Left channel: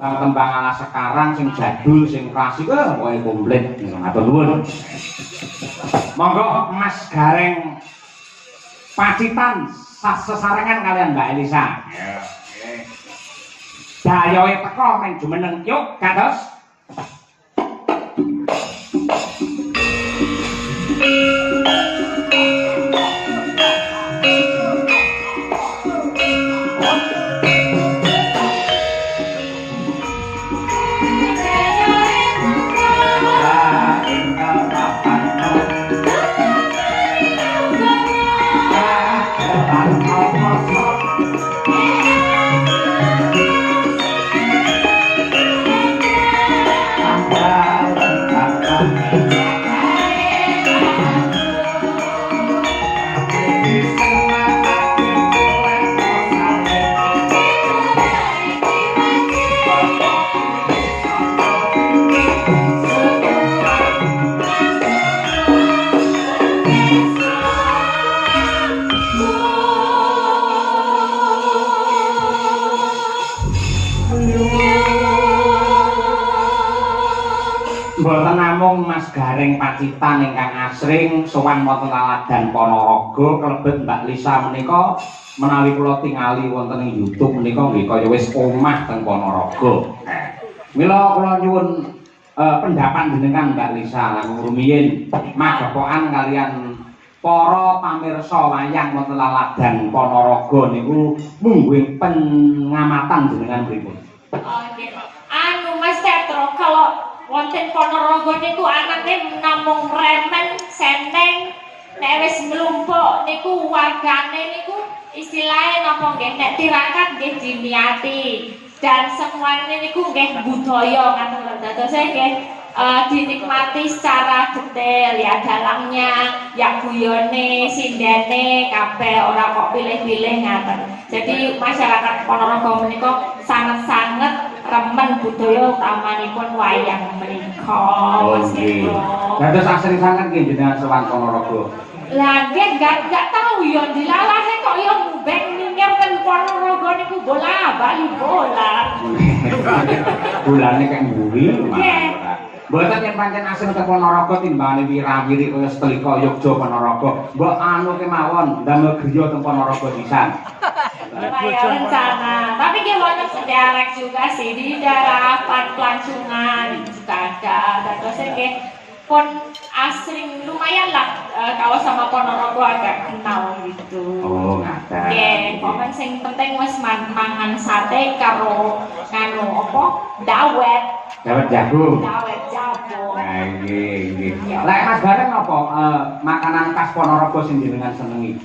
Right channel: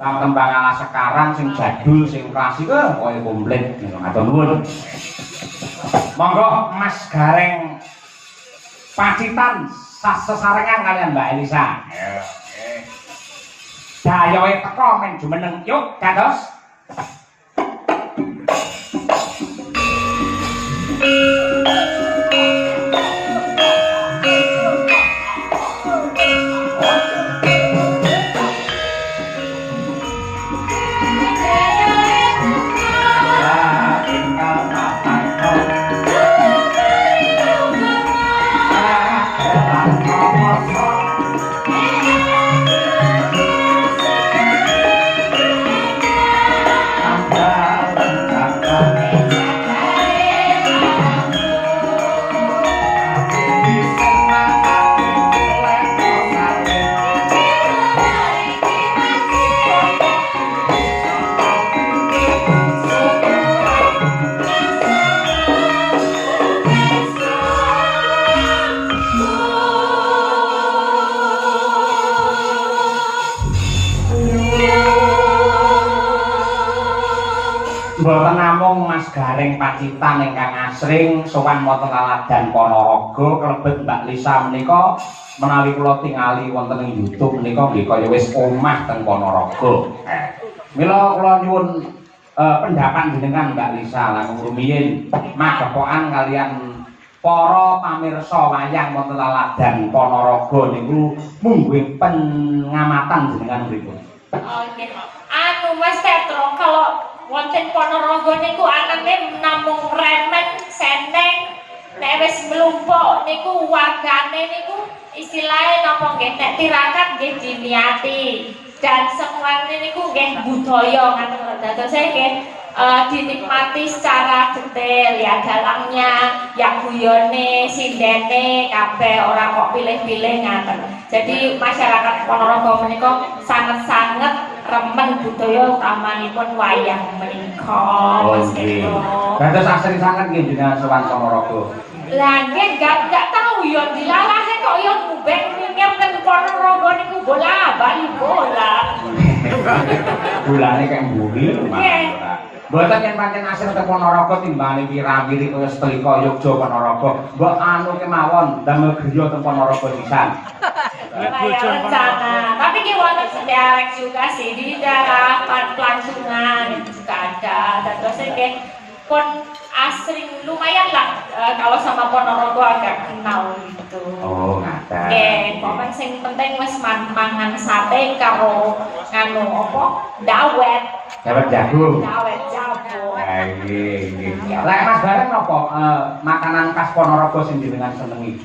tembang ala sekarang sing jadul sing klasik koyo komplit matur nuwun. Monggo Mas Gareng Pacitan sesarengan kalian Mbak Elisa. Dayoe teko men jumeneng yuk kados. Mboten namung Mas Gareng Pacitan ingkang asring sowan wonten Aladan Ponorogo klebet Mbak Lisa menika menawi kula tingali wonten ing YouTube menika nggih kaya wis omah teng Ponorogo. Mila kula nyuwun pendapat jenengan Mbak Lisa lan rumiyin magepokan kalian para pamirsa wayang wonten Aladan Ponorogo niku mungguing pengamatan jenengan pripun. Oke. Anu Mas Tetro kalau wonten Ponorogo niku anane namung remen seneng nek wis mlumpuk niku wagane niku istilahnya napa nggih nek tirakat nggih diniati dan semuanya niku nggih budaya ngoten dados nggih dinikmati secara detail ya dalangnya ya guyone sindene kabeh ora kok pilih-pilih ngaten. Jadi masyarakat Ponorogo menika sangat-sangat remen budaya utamanipun wayang menika. Dados asring sanget nggih jenengan sowan Ponorogo. Lah nggih enggak tahu ya dilalahe kok ya ngubeng nyengir ten Ponorogo niku bola-bali bola. Bolane kek mburi. Nggih. Mboten yen pancen asring teng Ponorogo timbane wira-wiri kaya Setrika Yogya Ponorogo. Mbok anu kemawon damel griya teng Ponorogo pisan. Ya rencana. Tapi ki wonten sederek juga sih di daerah Pelancongan itu juga ada. Terus nggih pun asring lumayan lah kalau sama Ponorogo agak kenal gitu. Oh, ngaten. Nggih, pokoke sing penting wis mangan sate karo nganu apa? Dawet. Dawet jagung. Dawet jagung. Nggih. Lek Mas Gareng napa makanan khas Ponorogo sing jenengan senengi?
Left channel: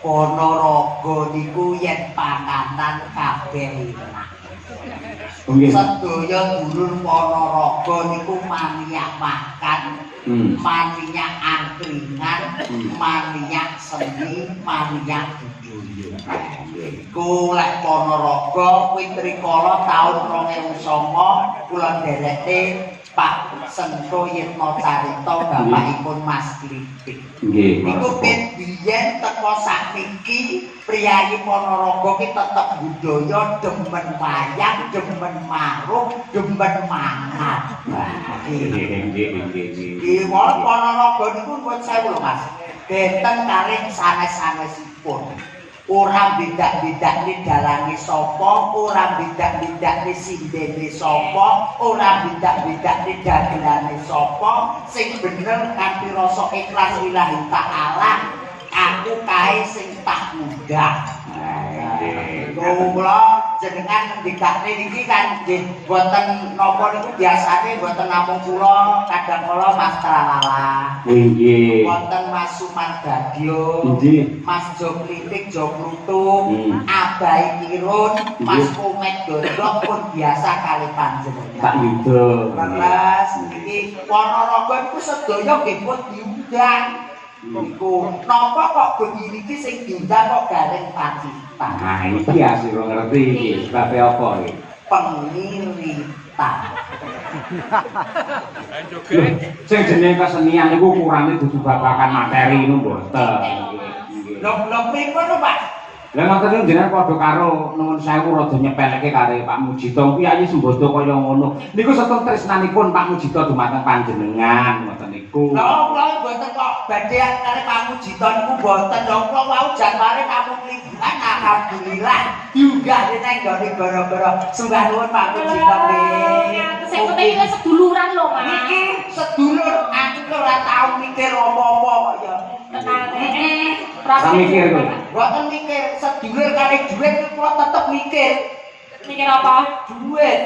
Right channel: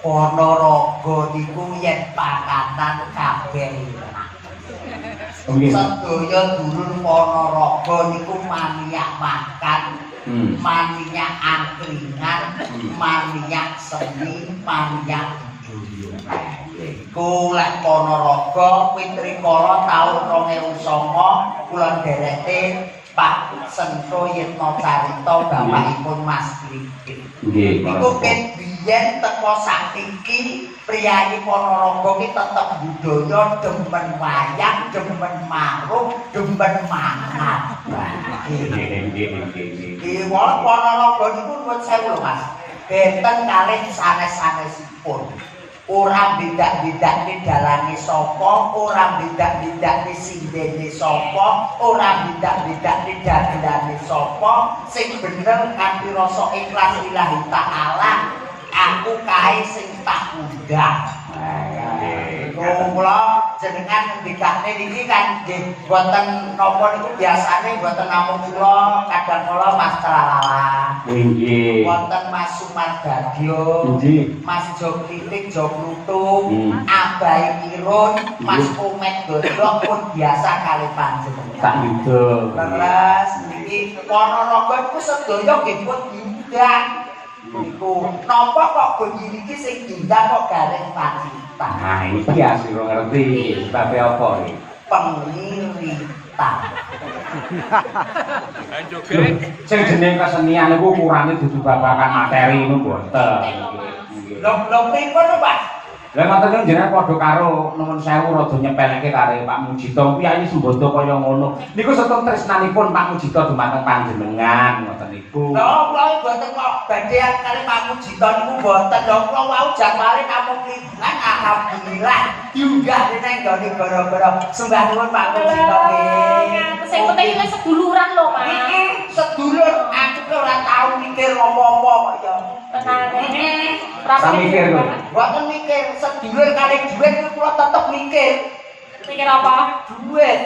Ponorogo niku yen panganan kabeh enak. Nggih. Sedaya dulur Ponorogo niku maniak makan, maniak angkringan, maniak seni, maniak budaya. Iku lek Ponorogo kuwi rikala taun 2009 kula ndereke Pak Sento Yitno Carita bapakipun Mas Klipik. Nggih. Iku biyen teko sakniki priyayi Ponorogo ki tetep budaya demen wayang, demen marung, demen mangan. Nggih. Ponorogo niku nuwun sewu lho Mas. Benten kalih sanes-sanesipun. Ora bidak-bidak dalange sapa, ora bidak-bidak sindene sapa, ora bidak-bidak dagelane sapa, sing bener kanthi rasa ikhlas lillahi ta'ala, aku kae sing tak undang. Kula jenengan ngendikane niki kan nggih boten napa niku biasane boten namung kula, kadang kala Mas Tralala. Nggih. Wonten Mas Sumarbagyo, Nggih. Mas Jo Klitik, Jo Plutung, Abai Kirun, Mas Umet Dodok pun biasa kali panjenengan. Tak yuda. Leres niki Ponorogo niku sedaya nggih pun diundang. Niku napa kok bengi niki sing diundang kok Gareng Pacitan. Nah, iki asli ora ngerti sebab apa iki. Pengliritan. Sing jeneng kesenian niku ukurannya dudu babagan materi ngono mboten. Lho pripun Pak? Lah ngoten niku jenengan padha karo nuwun sewu rada nyepelke karo Pak Mujito kuwi ayu sembodo kaya ngono. Niku setun tresnanipun Pak Mujito dumateng panjenengan ngoten niku. Lha kula mboten kok badhean kali Pak Mujito niku mboten lho kula wau jambare kampung liburan alhamdulillah diunggah nang gone gara-gara sembah nuwun Pak Mujito nggih. Sing penting wis seduluran lho, Mas. Iki sedulur aku ora tau mikir apa-apa kok ya. Sami mikir kowe. Mboten mikir sedulur kali dhuwit kula tetep mikir. Mikir apa? Dhuwit.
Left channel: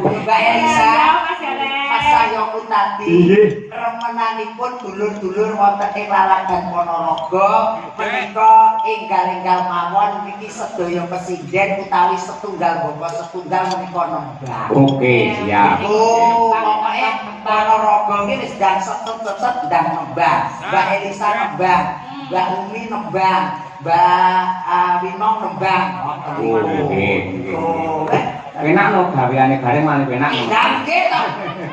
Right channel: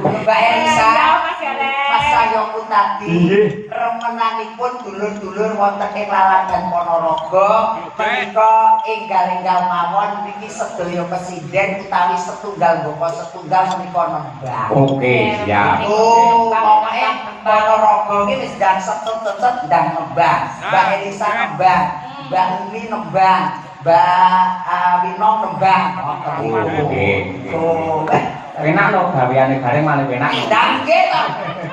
Mbak Elisa, Mas Elek. Mas Sayo Utati. Nggih. Remenanipun dulur-dulur wonten ing Laladan Ponorogo menika enggal-enggal mawon niki sedaya kesinden utawi setunggal bapak setunggal menika nembang. Oke, siap. Oh, pokoke Ponorogo iki wis ndang set-set ndang nembang. Mbak Elisa nembang, Mbak Umi nembang, Mbak Wino nembang. Oke. Oh, Enak lho gaweane gareng malah enak. ndang nggih to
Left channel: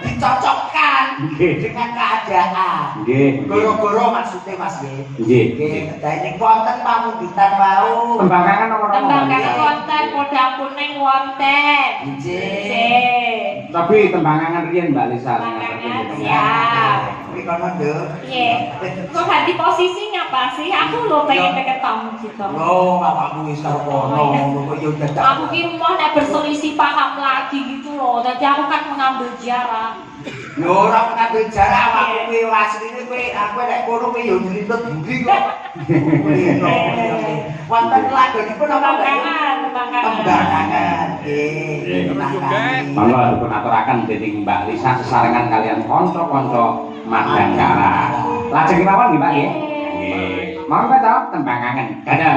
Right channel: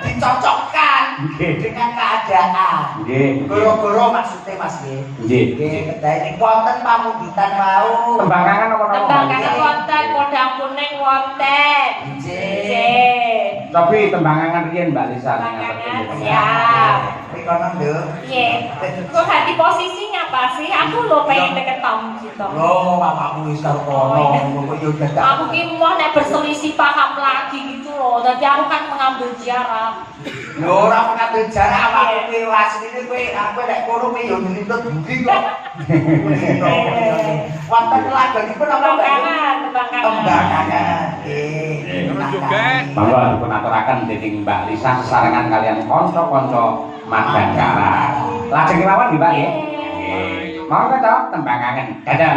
dicocokkan Nggih. dengan keadaan. Nggih. Goro-goro maksudnya Mas nggih. Nggih. Nggih, dadi wonten pamundhutan wau. Tembangan apa Tembangan wonten, podang kuning wonten. Nggih. Tapi tembangan riyen Mbak Lisa. Tembangan, siap. Rikono lho. Iya. Kok ganti posisinya apa sih? Aku lo pengen deket kamu gitu. Oh, bapakmu wis kono, yo dadak. Aku ki mau nek berselisih paham lagi gitu loh. Jadi aku kan mengambil jarak. Yo ora pengambil jarak awakmu kowe asline kowe aku nek kono kowe yo nglintut budi kok. Wonten lagonipun apa Mbak? Tembangan. Tembangan. Nggih. Monggo dipun aturaken dening Mbak Lisa sesarengan kalian kanca-kanca Madangkara. Lajeng kemawon nggih Pak nggih. Nggih. Monggo to tembangan. Dadah.